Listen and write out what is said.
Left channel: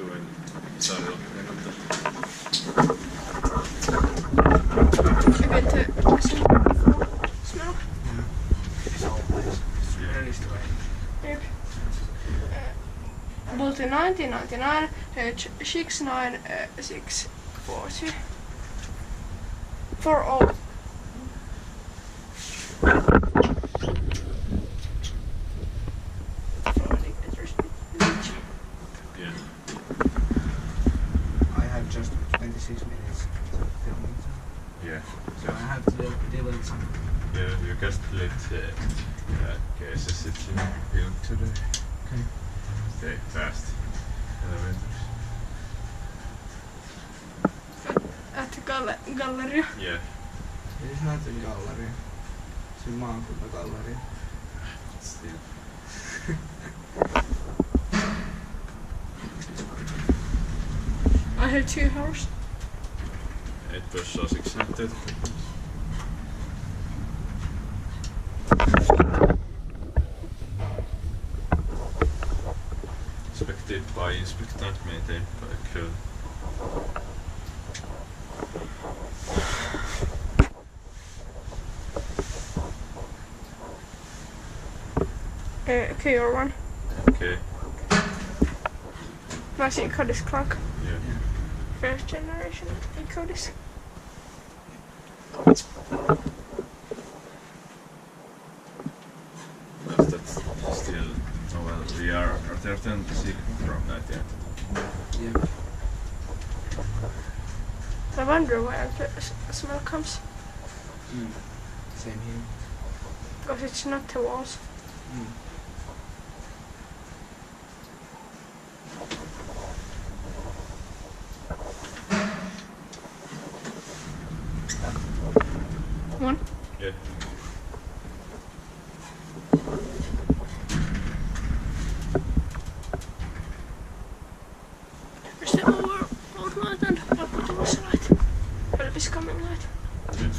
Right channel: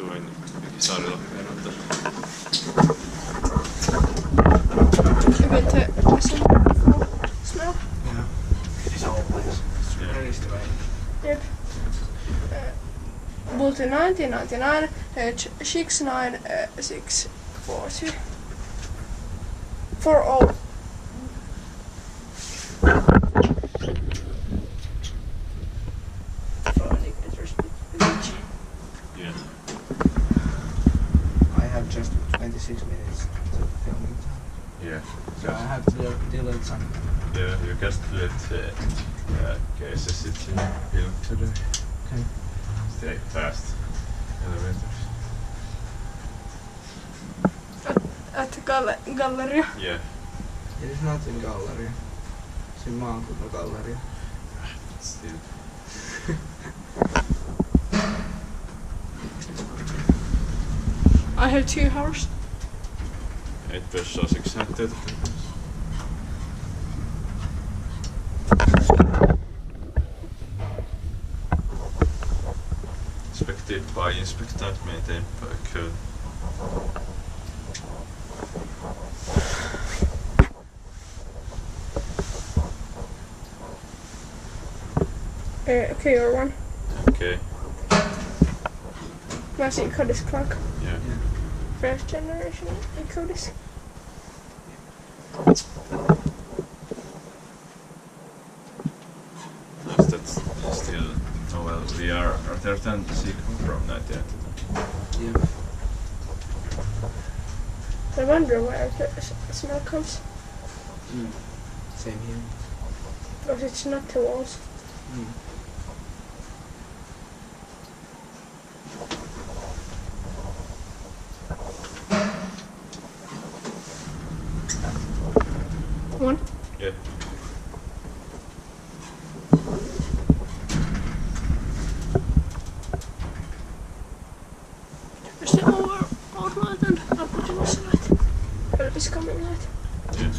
asuu in Pikisaari, Lappeenranta. Good to listen for smell. Yeah. It's always. It's very strange. Yep. Bulletin 1999, H69642. 40. Yeah. I have just 26 minutes to filming time. Yeah. So I have to delete some. Yeah, you just let cases it's in film today. Okay. Stay fast. Elevators. At galleria. Yeah. It is not in galleria. It's in maakuntagalleria. Still. I have 2 hours. 8 bössar 600. Inspected by Inspecta, maintained by Kone. Okay, your one. Okay. My Codis clock. Yeah. First generation Codis. Nice, that's still. Oh well, we are third and sequence from 1999. Yeah. I wonder where the smell comes. Same here. Because it's not the walls. One. Yeah. Is the old light and up with the light? Well, it's coming light. Yeah.